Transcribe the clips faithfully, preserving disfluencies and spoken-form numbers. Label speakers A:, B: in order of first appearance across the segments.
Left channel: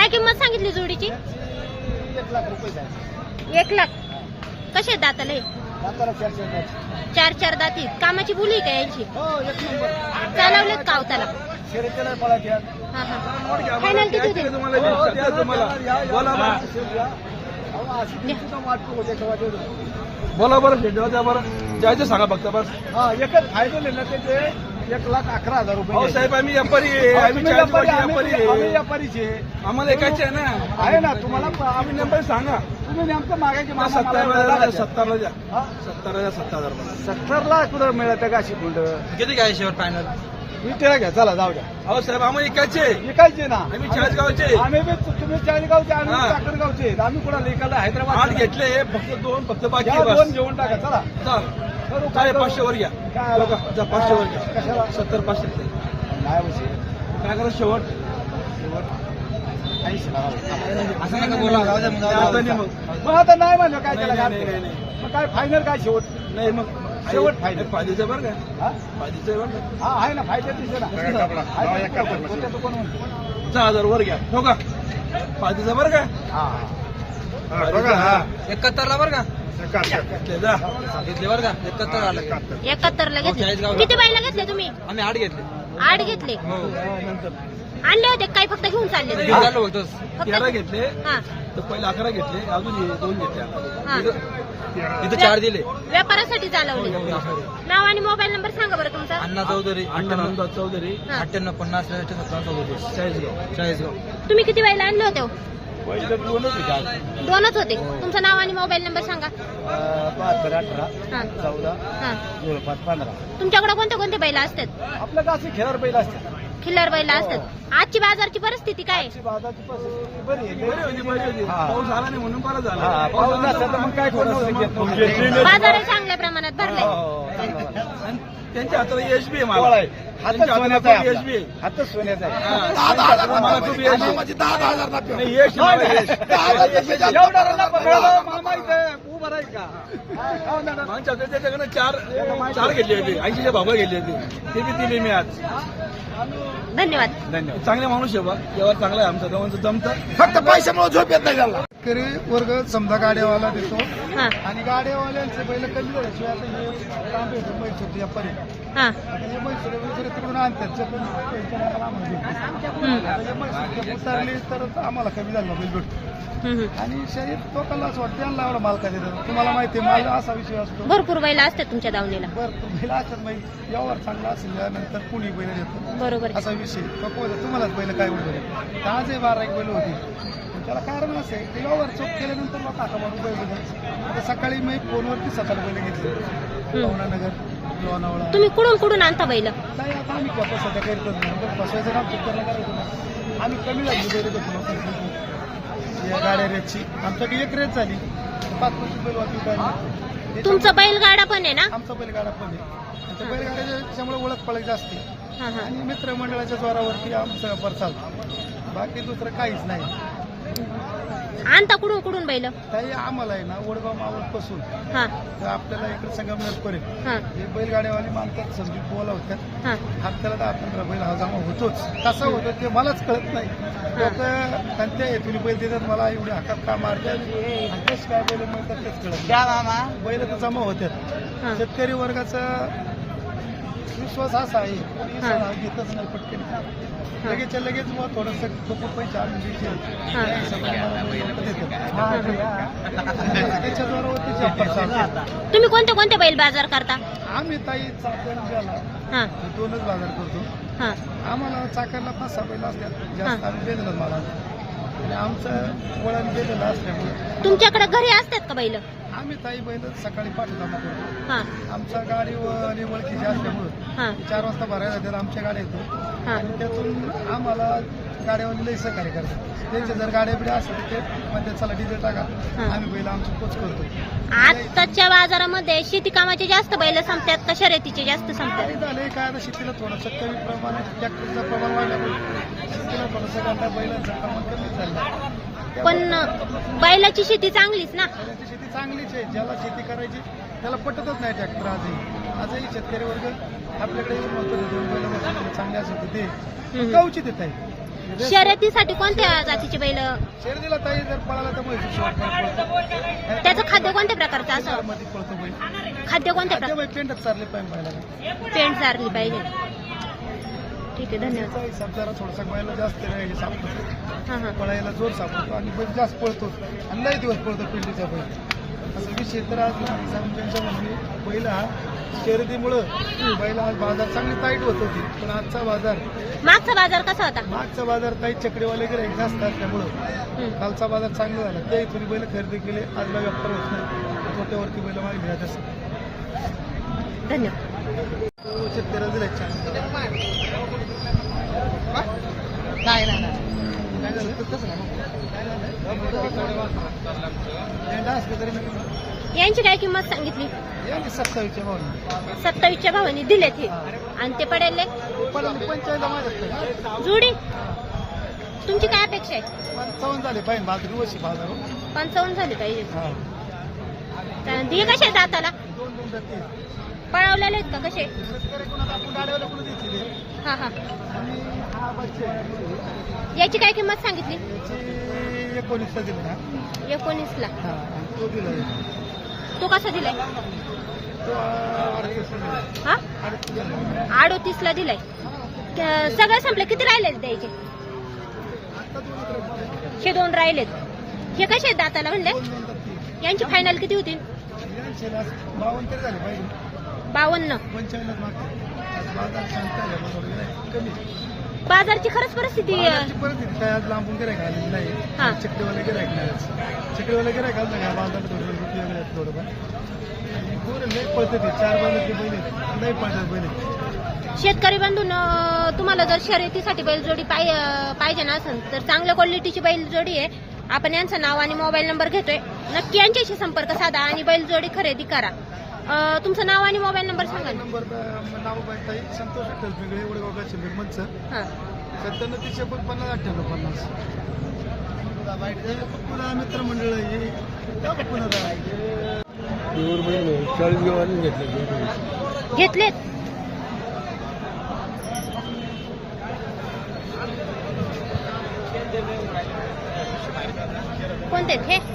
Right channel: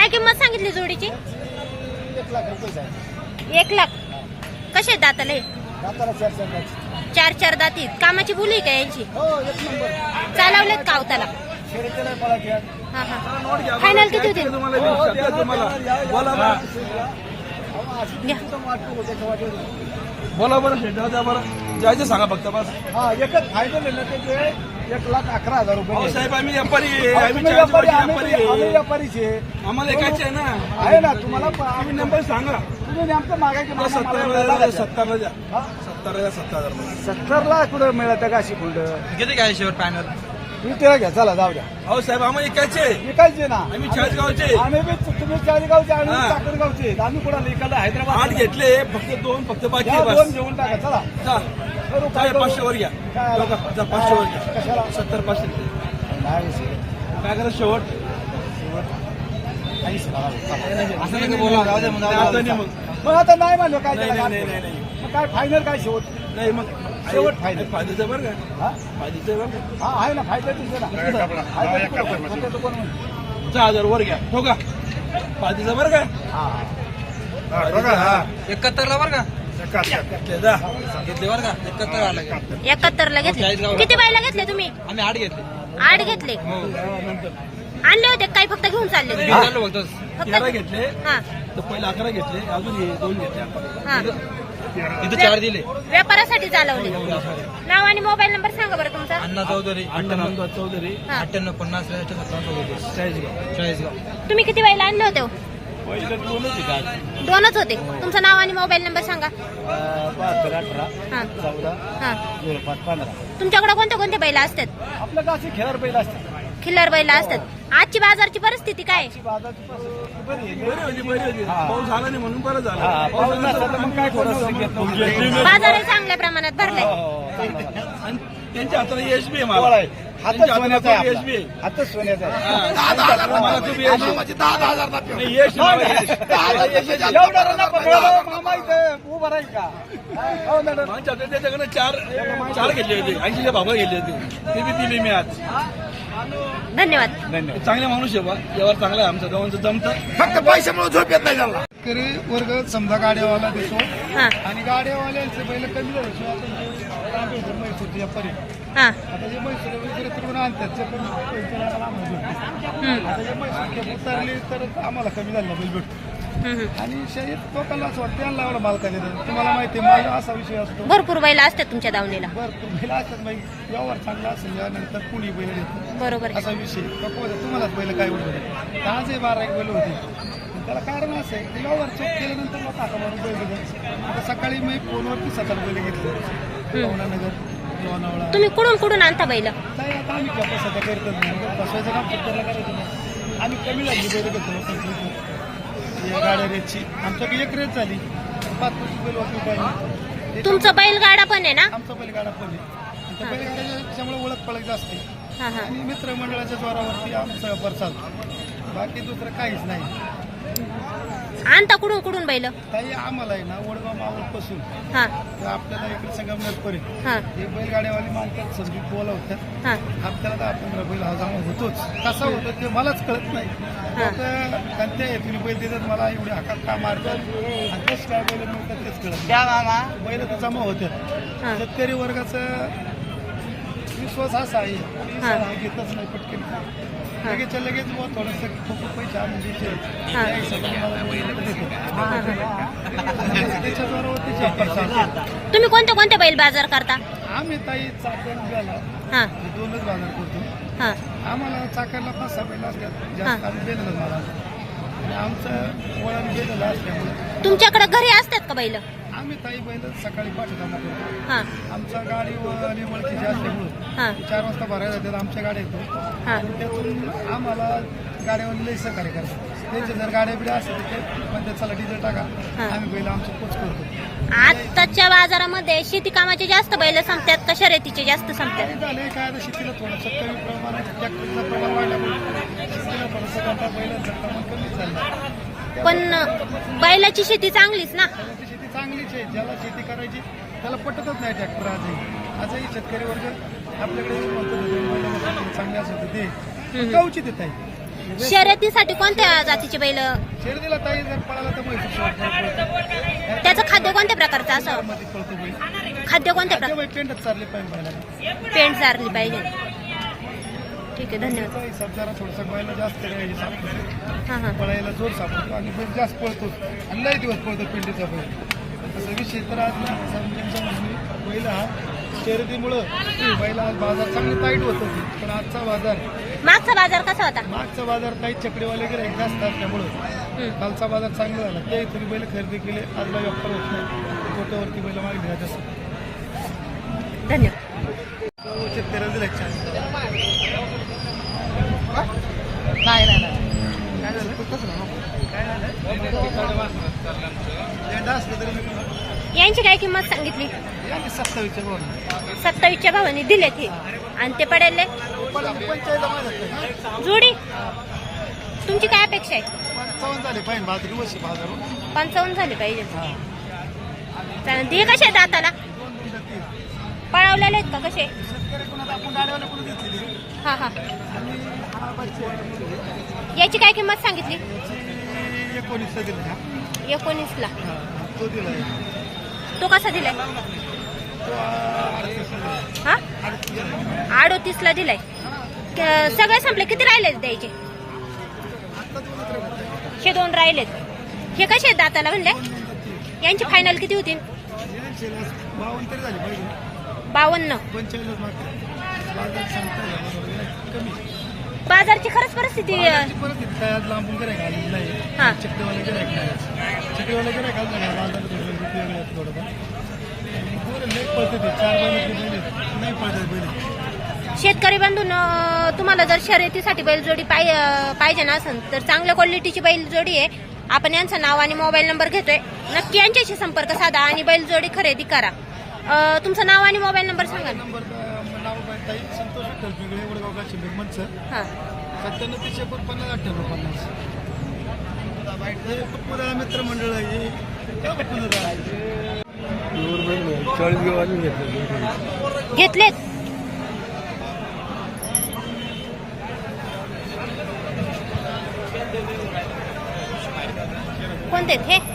A: काय किंमत सांगितली जोडीची?
B: एक लाख रुपये
A: एक लाख. कसे दाताले?
B: दाताला चार चार
A: चार चार दाती. कामाची बोली का यांची?
B: हो एक नंबर.
A: चालवलेत का अवताला?
B: शर्यतीला पळायचे आज.
A: हा हा. फायनल किती होतील?
B: हो, द्या ना, द्या, या, या, या. अहो, अशी
A: द्या.
B: तुमचं वाटतो होते का वाटेल?
C: बोला बरं द्या द्या बरं द्यायचं सांगा फक्त बस.
B: हा एकच फायनल आहे ना त्याचे एक लाख अकरा हजार रुपये.
C: अहो साहेब आम्ही व्यापारी आहे.
B: हो,
C: आम्ही
B: तुम्ही
C: चाळीस
B: व्यापारी,
C: वर्षे
B: आम्ही
C: व्यापारी
B: आम्ही
C: आहे.
B: व्यापारीचे.
C: आम्हाला एकाच आहे ना.
B: आहे ना तुम्हाला प-
C: आम्ही
B: आम्ही
C: नंबर सांगा.
B: तुम्ही नेमकं मागायचे मामा मला
C: सत्तर
B: एवढं लागायचं.
C: सत्तरला द्या.
B: हा?
C: सत्तरला द्या सत्तर हजार रुपये.
B: सत्तरला कुठं मिळतं का अशी फुंड?
C: किती काय शेवर फायनल?
B: मी ते घ्या चला जाऊ द्या.
C: अहो साहेब आम्हाला एकाचे आहे.
B: विकायचे ना
C: आम्ही चाळीसगावचे.
B: आम्ही बी तुम्ही चाळीसगावचे आम्ही
C: हा.
B: साखरगावचे. आम्ही कुठं इकडला
C: आठ
B: हैदराबाद
C: घेतले फक्त दोन फक्त बाकी
B: या
C: आहे
B: दोन
C: बस.
B: घेऊन टाका चला.
C: जा.
B: करू
C: काय
B: काय करू?
C: पाचशे वर घ्या.
B: काय आलं?
C: बघा, जा पाचशे वर घ्या.
B: कशाला?
C: सत्तर पाचशे
B: नाही रे शेठ.
C: काय करा शेवट
B: काहीच नाही.
C: असं नका बोला. राहू द्या मग. आता नाही मग.
B: मग आता नाही म्हणलं काय त्याला
C: नाही, नाही, नाही,
B: घाल. मग काय फायनल काय शेवट?
C: नाही मग
B: शेवट फायनल.
C: फायद्याचं बरं का
B: हा?
C: फायद्याचं बरं का
B: हा आहे ना फायदा तिथे ना आहे ना. कोणतं तो कोण म्हणतो?
C: सहा हजार वर घ्या हो का फायद्याचं बरं का
B: हा
C: हा एकाहत्तरला बरं का घेतले जा. घेतले बरं का एकाहत्तर आले
A: एकाहत्तरला घेतले. किती बायला घेतले तुम्ही?
C: आम्ही आठ घेतले
A: आठ घेतले.
C: हो नंतर
A: आणले होते काय फक्त घेऊन चालले?
C: झालं फक्त तेरा घेतले
A: हा
C: तर पहिले अकरा घेतले अजून हे दोन घेतले
A: हा.
C: आपण इथं चार दिले
A: व्यापारासाठी चालवले. नाव आणि मोबाईल नंबर सांगा बरं तुमचा.
C: अण्णा चौधरी अण्णा नंदुराज चौधरी
A: हा.
C: अठ्ठ्याण्णव पन्नास सत्तावन्न चौधरी चाळीसगाव चाळीसगाव
A: तुम्ही किती बायला आणले होते हो?
B: पहिलं दोनच आहे का?
A: दोनच होते. तुमचं नाव आणि मोबाईल नंबर सांगा.
B: बहात्तर अठरा
A: हा
B: चौदा
A: हा.
B: झिरो पाच पंधरा.
A: तुमच्याकडे कोणते कोणते बैला असतात?
B: आपलं का असे खेळावर पहिला असते.
A: खिल्लार बैला असतात. आजची बाजारची परिस्थिती काय आहे?
B: बाजारची परिस्थिती बरी आहे. हा.
C: पाऊस आला नाही म्हणून बरं झालं
B: हा पाऊस नसता तर मग काय कोण नव्हतं घेत नव्हतं.
A: बाजार चांगल्या प्रमाणात भरलाय.
B: हो, हो, चांगला बाजार.
C: आणि त्यांच्या हाताला यश बी आहे
B: कोण
C: मला
B: आहे? हातच
C: त्यांच्या हाताला
B: सोन्याचा
C: खूप
B: आहे
C: यश बी आहे.
B: आपला. हातच सोन्याचा आहे.
C: हा, त्यांच्या हाताला मला खूप यश आहे. नाही यश आहे मला यश. मला यश आहे.
B: एवढा रल्ला पकडला मामा इथे उभा राहील का? हो ना, ना.
C: मागच्या हप्त्यात त्याच्याकडे चार चार घेतले होते ऐंशीच्या भावा घेतले होते ते बी दिले मी आज
A: धन्यवाद.
B: धन्यवाद.
C: चांगले माणूस आहे बा व्यवहार चांगला आहे आमचा दोघांचं जमतं फक्त पैशामुळे झोप येत नाही त्याला
B: शेतकरी वर्ग समजा गाड्यावाला देतो
A: हा
B: आणि गाड्यावाल्यांचे बैल कमी झाले आता हे तांबे मैसूर व्यापारी
A: हा
B: आता हे मैसूर वगैरे तिकडून आणतात ते कमी पैसे आम्हाला आम्हाला भेटते.
A: हम्म,
B: आता हे मैसूर उतरली तर आम्हाला कमी झालं बैल भेटतो
A: हम्म.
B: आणि शरीर लोकांना असं वाटतं त्यांना एवढा मालका देतात. तुम्हाला माहिती आहे माल असा विषय असतो
A: भरपूर बैला असतात तुमच्या दावणीला.
B: भरपूर बैल असतात बाई व्यवहार चांगला असेल नंतर कुणी बैल देतो
A: बरोबर आहे.
B: असा विषय नको तुम्हालाच बैल काय उडत आहे आजही बारा एक बैल होती पण त्याला कारण असं आहे की व्यवहार चूक केल्यानंतर मग टाका मारून बैल देतात. आता सकाळी मी फोनवरती सात आठ बैल घेतले लोणानगर लोणावळा
A: तुम्ही कुठून कुठून आणता बैल?
B: नाही आता आम्ही क्या सध्या करतच नाही बस बसायचं काम पिक्चरला करायचं नाही. आम्ही कमी झाली बैल घेतो गाड्या रेटची आमचा एक रेट झाली पाच पंचवीस बैल वाजवी काय
A: तुमचं बैलगाडा पण आहे ना?
B: आमचा बैलगाडा पण आहे आणि त्या बैलगाड्याच्या त्याच्यामुळे ओळख पळख जास्त आहे
A: हा हा.
B: आणि मित्रमंडळाच्या जोरावरती आमचा व्यापार चालतो बाकी दुसरं काहीच नाही.
A: आणता कुठून कुठून बैल?
B: ताई आम्हाला आहे ना वडगाव मावळपासून
A: हा
B: तर आपल्याला इकडे संगमनेर पर्यंत
A: हा
B: हे बैलगाड्यावाली मानतात समजून बोलावतात
A: हा
B: हप्त्याला दहा पंधरा बैल हा जमा होतोच कसा होतो ते मलाच कळत नाही लोक कोणत्या हेतून बैल देतात मला एवढे हातात का मारतात आणि तेच काय बैल मिळतात तेच कळत नाही. बैल तर जमा होतात.
A: हा.
B: शेतकरी वर्गाचा विश्वास असा आहे कोणी
A: हा.
B: सराव घेतच नाही पटकन लगेच लगेच मग थोडस खूप पैसे आणून द्यायचे
A: हा.
B: त्या हिशोबाने मला बैल लोक देतात त्याच्या जोरावर त्याची व्यापार चालतो.
A: तुम्ही कोणते कोणते बैल बाजार करता?
B: आम्ही ताई चाकण गेला
A: हा
B: दोनच बाजार करतो.
A: हा
B: आम्हाला चाकणला पाच सहा बैल असतात
A: हा.
B: जास्त आम्ही दिलेलं मला आणि आमचं वळण दिलेलं असल्यामुळे
A: तुमच्याकडे घरी असतात का बैल?
B: आम्ही ताई बैल सकाळी पाठ जमा करतो.
A: हा
B: आमचा गाडी आणि ओळखीची असल्यामुळं
A: हा
B: चार वाजता भरायला जातात आमच्या गाड्या येतो
A: हा
B: आणि त्यातून आम्हाला गाड्यावाली लई सहकार्य करतात. त्यांचे जर गाड्या बिड्या असतात तर ते म्हणतात चला डिझेल टाका
A: हा.
B: आम्ही बैल आमचं पोच करतो.
A: आताच्या बाजारामध्ये शेती कामाचे जास्त बैल संपतात का शर्यतीचे जास्त संपतात?
B: काही झालंय काय आता शेतीला थोडंसं कमी प्रमाणात ट्रॅक्टरचं प्रमाण वाढल्यामुळे शेतीला थोडंसं करता बैलांचं प्रमाण कमी चाललंय.
A: पण बैलाची शेती चांगलीच ना?
B: बैलाची शेती चांगलीच आहे ज्याला शेती करायची त्याला पटतच नाही ट्रॅक्टर आजही आजही शेतकरी वर्ग आपल्याकडे येऊन म्हणतो दोन बैल बसले चांगले असेल तर ते
A: हम्म.
B: गावची देत आहे
A: शर्यतीसाठी कोणत्या जातीचे बैल
B: शर्यतीला ताई जर पळाला तर म्हैसूर शेवटपर्यंत पळतो.
A: त्याचं खाद्य कोणत्या प्रकारचं असावं?
B: मध्ये पळतो बैल.
A: खाद्य कोणत्या
B: खाद्य
A: प्रकार
B: बैल पेंटच चालले पाहिजे बैलाला.
A: पेंट चारली पाहिजे. ठीक आहे, धन्यवाद.
B: त्याचा हिसाब जरा थोडासा बैला जास्त करायचे सापडतो,
A: हा हा
B: पळायला जोर सापडतो आणि बैल जास्त पळतो आणि लई दिवस पळतो पेंडीचा बैल. असं विषय तर आज ना त्यांचं म्हणणे बैल हा शर्यतीमुळं बैल आज बाजार चांगली टाईट होत होती, पण आजचा बाजार
A: मागचा बाजार कसा होता?
B: मागचा बाजार काही चकडीवाले गिराईक जास्त असल्यामुळं
A: हम्म.
B: कालचा बाजार चांगला झाला. त्या इथून बैल खरेदी केले, आजला व्यापार होत नाही, तोट्यावरती बैल मागली जात असं.
A: धन्यवाद.
B: शेतकऱ्याला दिला छान. नाही नाही नाही काय झालं? काय झालं? लेंडा असलं तरी मी
A: यांची काय किंमत सांगितली?
B: यांनी सत्तावीसच्या भाव
A: सत्तावीसच्या भावाने दिलेत हे. आणि ते पडेल जोडी. तुमची काय अपेक्षा आहे?
B: पंचावन्न झाले पाहिजे भाकरी वर्षी भाव.
A: पंचावन्न झाले पाहिजे. चालेल. हे कसे आहेत दाताला? पळावलेले आहेत का कसे?
B: शेतकरी कोणाला आपण गाड्यावर कुठे घेतलेली
A: हा हा.
B: आणि हा बच्चे
A: याची काय किंमत सांगितली?
B: एकोणीसचा दिला हा.
A: एकोणीस ला.
B: हा, तो दिला.
A: तो कसा दिलाय?
B: तो अडतीस
A: हा
B: अडतीस
A: अडोतीस ला दिलाय. क- सगळे संपले. किती राहिले द्यायचे? हे दोन राहिलेत. हे कसे आहेत दाताला म्हणले? यांची फायनल किती होतील?
B: बावन्न तरी झाली पाहिजे.
A: बावन्न.
B: पंचावन्न कमी
A: बाजारची खरंच परिस्थिती
B: बाजाराची परिस्थिती काय आज लांबून गिरायक आलेली नाही.
A: हा.
B: चक्रीवाला गिरायक नाही. चक्रीवाला गिरायक आलं नाही. बाजारात थोडं वेगळे आहेत थोडंफार. आणि पोरं लई पळते ते चार बैलाचे बैल आहेत. नाही पळते बैल.
A: शेतकरी बंधून तुम्हाला जर शर्यतीसाठी बैलजोडी पाय- अं, पाहिजे नसेल तर चांगल्या क्वालिटीची बैलजोडी आहे. आपण यांचं नाव आणि मोबाईल नंबर घेतोय. नक्की यांच्याशी संपर्क साधा आणि बैलजोडी खरेदी करा. अं, तुमचं नाव आणि मोबाईल नंबर सांगा ना.
B: नंबर नाव ताई संतोष विठ्ठल पिंगळे वडगाव काशी मंच
A: हा.
B: सत्त्याण्णव तीनशे एकोणपन्नास अठ्ठ्याण्णव पन्नास. हे पुन्हा मित्रमंडळ आहे हे. त्या पुन्हा चाळीस गावाने घेतलं.
A: घेतलेत. कोणते आहेत हे?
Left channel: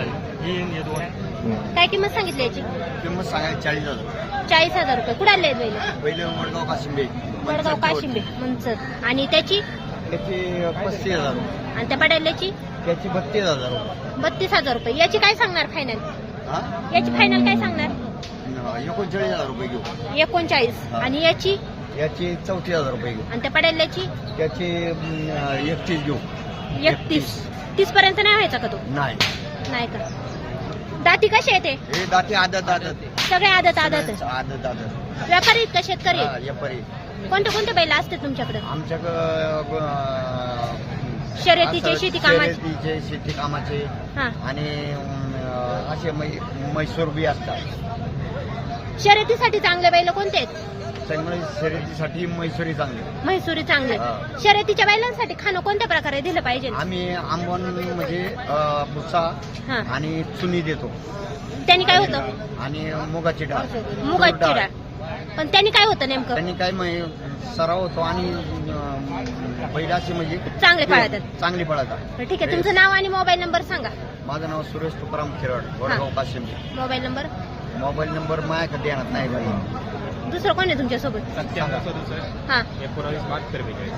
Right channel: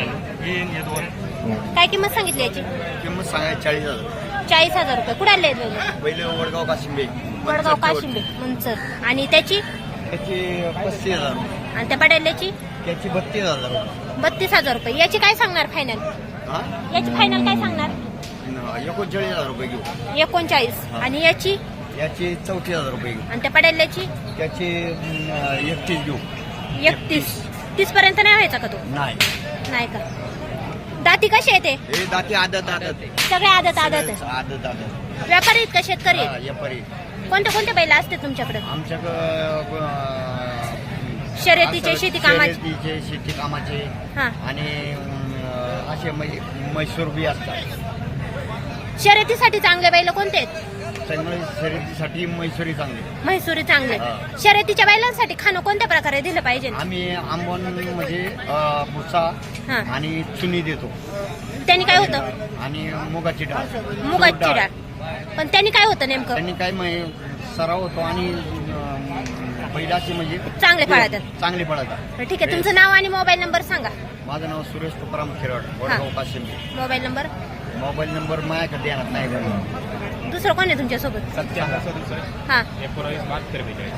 A: काय किंमत सांगितली याची?
C: किंमत सांगायची चाळीस हजार.
A: चाळीस हजार रुपये. कुठे आले बैल?
C: पहिले वडगाव काशिंबे.
A: वडगाव काशिंबे मंचर. आणि त्याची
B: त्याची पस्तीस हजार.
A: आणि त्या पडायल्याची
B: त्याची बत्तीस हजार.
A: बत्तीस हजार रुपये. याची काय सांगणार फायनल?
C: हा?
A: याची फायनल काय सांगणार?
C: एकोणचाळीस हजार रुपये घेऊ.
A: एकोणचाळीस. आणि याची?
B: याची चौतीस हजार रुपये घेऊ.
A: आणि त्या पडायल्याची?
B: त्याची एकतीस घेऊ.
A: एकतीस. तीस पर्यंत नाही व्हायचा का तो?
B: नाही
A: नाही का? दाती कशी येते?
C: हे दाते आदत आदत
A: सगळे आदत आदत आहे.
C: आदत आदत.
A: व्यापारी आहेत का शेतकरी आहेत?
C: हा, व्यापारी.
A: कोणते कोणते बैल असते तुमच्याकडे?
C: आमच्याकडं
A: शर्यतीचे, शेती कामाचे?
C: शर्यतीचे, शेती कामाचे
A: हा.
C: आणि अं, असे मै- म्हैसूर बी असतात.
A: शर्यतीसाठी चांगले बैल कोणते आहेत?
C: त्यामुळे शर्यतीसाठी म्हैसूरी चांगली.
A: म्हैसूरी चांगले.
C: हा.
A: शर्यतीच्या बैलांसाठी खाणं कोणत्या प्रकारे दिलं पाहिजे?
C: आम्ही आंबवण म्हणजे अं, भुसा
A: हा.
C: आणि चुनी देतो
A: त्यांनी काय होतं?
C: आणि मुगाची डाळ,
A: मुगाची
C: तूर
A: डाळ. पण त्यांनी काय होतं नेमकं?
C: त्यांनी काय मै- सराव होतो आणि अं, बैलाची म्हणजे
A: चांगले पळतात.
C: चांगली पळतात.
A: ठीक आहे. तुमचं नाव आणि मोबाईल नंबर सांगा.
C: माझं नाव Suresh Tukaram Khirad, Vadgaon Kashimbe.
A: Mobile number?
C: Mobile number माझ्याकडे देण्यात नाही बरं.
A: दुसरं कोण आहे तुमच्यासोबत?
C: सांगा.
A: हा.
C: एकोणावीस बहात्तर बेचाळीस.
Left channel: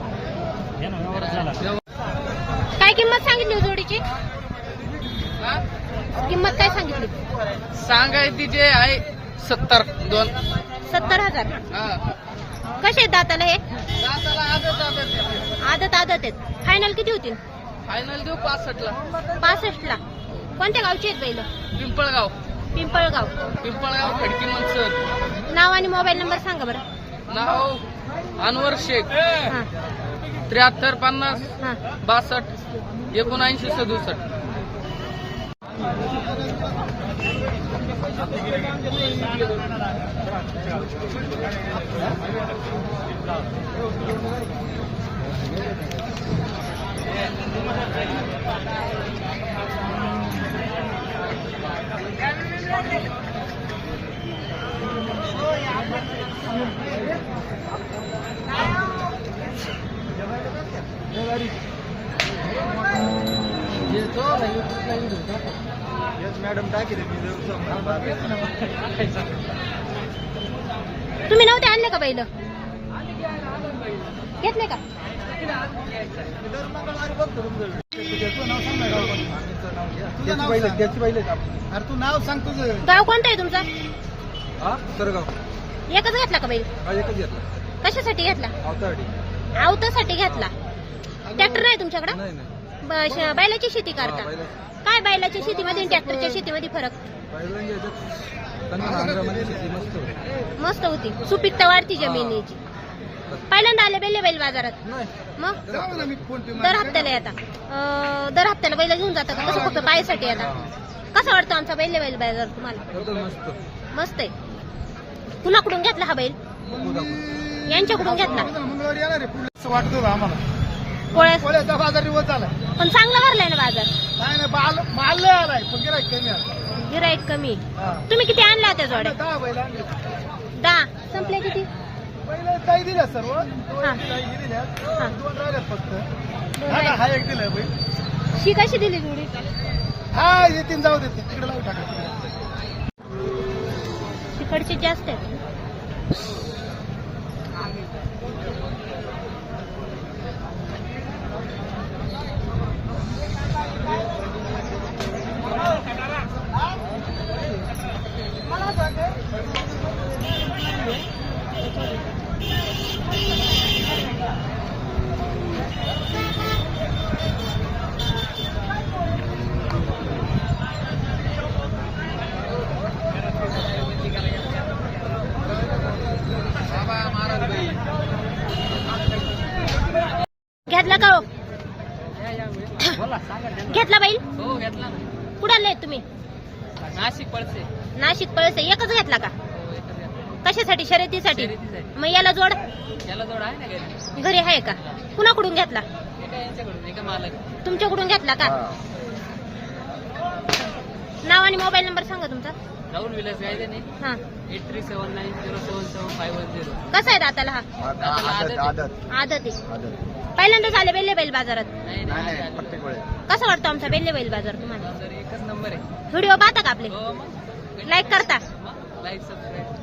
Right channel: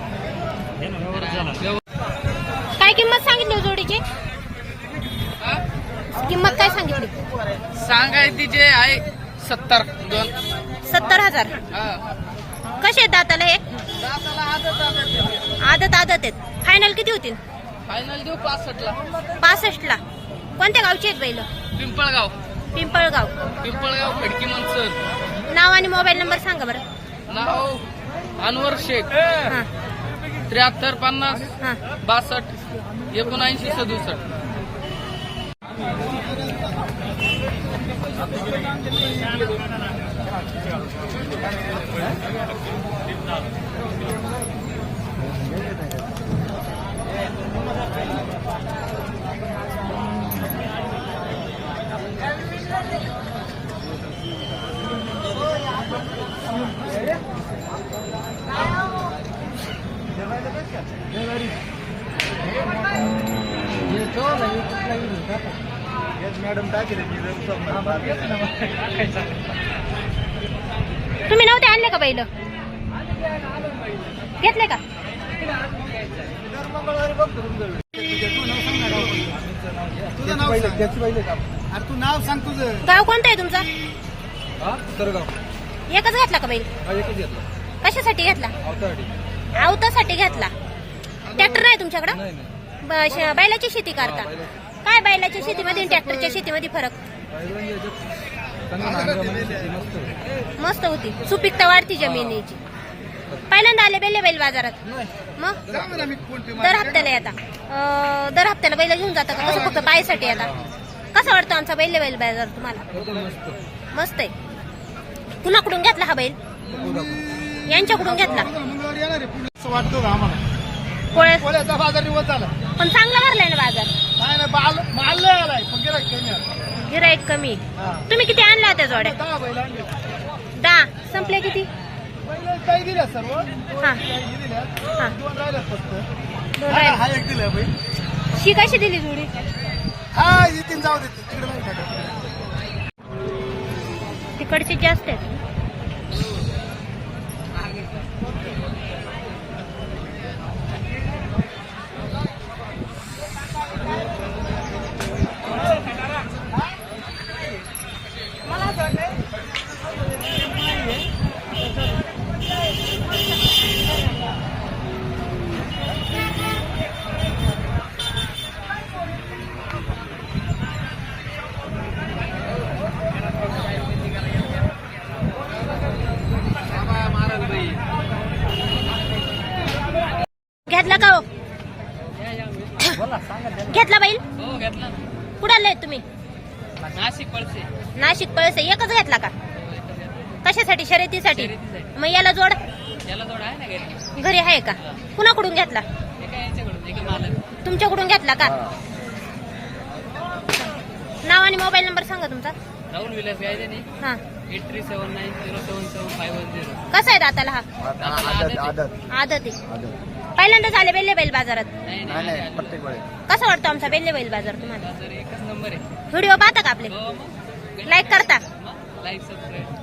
A: काय किंमत सांगितली जोडीची? किंमत काय सांगितली?
D: सांगायची जे आहे सत्तर दोन.
A: सत्तर हजार. कसे आहेत दाताला हे?
D: दाताला आदत आदत
A: आदत आदत आहेत. फायनल किती होतील?
D: फायनल देऊ पासष्ट ला.
A: पासष्ट ला. कोणत्या गावचे आहेत बैल?
D: पिंपळगाव.
A: पिंपळगाव.
D: पिंपळगाव खडकी मनसर.
A: नाव आणि मोबाईल नंबर सांगा बरं.
D: नाव अनवर शेख.
A: हा
D: त्र्याहत्तर पन्नास
A: हा.
D: बासष्ट एकोणऐंशी सदुसष्ट.
B: मॅडम
A: तुम्ही नव्हते आणले का बैल घेतले का?
B: अरे तू नाव सांग तुझं.
A: गाव कोणतं आहे तुमचं?
C: हा सरगाव
A: एकच घेतला का बैल?
C: हा एकच घेतला
A: कशासाठी घेतला?
C: अवतारडी
A: आवतासाठी घेतला. ट्रॅक्टर नाही तुमच्याकडं?
C: नाही नाही
A: ब- श- बैलाची शेती करता.
C: हा, बैलाची.
A: काय बैलाच्या शेतीमध्ये आणि ट्रॅक्टरच्या शेतीमध्ये फरक?
C: बैलांची याच्यात चांगलं नांगरामध्ये शेती मस्त होती.
A: मस्त होती, सुपीकता वाढती जमिनीची. पहिल्यांदा आले बेले बैल बाजारात?
C: नाही
A: मग
B: सांग ना मी कोणती
A: दर हप्त्याला येता? अं, दर हप्त्याला बैल घेऊन जाता का कसं फक्त पायसाठी येता? कसा वाटतो आमचा बैल बैल बाजार तुम्हाला?
C: एकदम मस्त
A: मस्त आहे. कुणाकडून घेतला हा बैल? यांच्याकडून घेतला.
B: मंगळवारी येणार आहे पुढे असं वाटत होतं आम्हाला.
A: पोळ्या
B: कोळ्याचा बाजार दिवस झालाय.
A: पण चांगला भरलाय ना बाजार.
B: नाही नाही माल माल लय आलाय पण गिराईक कमी आहे.
A: गिराईक कमी.
B: हा.
A: तुम्ही किती आणला त्या जोड्या?
B: दहा बैल आणले.
A: दहा संपले किती?
B: पहिले काही दिल्या सर्व
A: हा.
B: काही दिल्या
A: हा.
B: दोन राहिल्यात फक्त.
A: दोन
B: हा
A: राहिले.
B: हा एक दिलं बैल.
A: शी कशी दिली जोडी?
B: हा येतील जाऊ देते तिकडे नाही टाका.
A: तिकडचे जास्त आहेत. घेतला का हो? घेतला बैल?
D: हो घेतला ना.
A: कुठे आले तुम्ही?
D: नाशिक पडते.
A: नाशिक पळसे. एकच घेतला का?
D: हो एकच घेतला.
A: कशासाठी? शर्यतीसाठी.
D: शर्यतीसाठी.
A: मग याला जोड
D: त्याला जोड आहे ना घरी.
A: घरी आहे का? कुणाकडून घेतला?
D: एका यांच्याकडून एका मालक.
A: तुमच्याकडून घेतला का? नाव आणि मोबाईल नंबर सांगा तुमचा.
D: राहुल विलास गायजानी
A: हा.
D: Eight three seven nine zero seven seven five one zero.
A: कसा आहे दाताला हा?
D: दादाला आदत आहे.
A: आदत आहे. पहिल्यांदाच आले बेल्ले बैल बाजारात.
D: नाही नाही आदत आहे.
A: कसा वाटतो आमचा बेल्ले बैल बाजार तुम्हाला?
D: बाजार एकच नंबर आहे.
A: व्हिडिओ पाहता का आपले?
D: हो मग
A: लाईक करता?
D: Like subscribe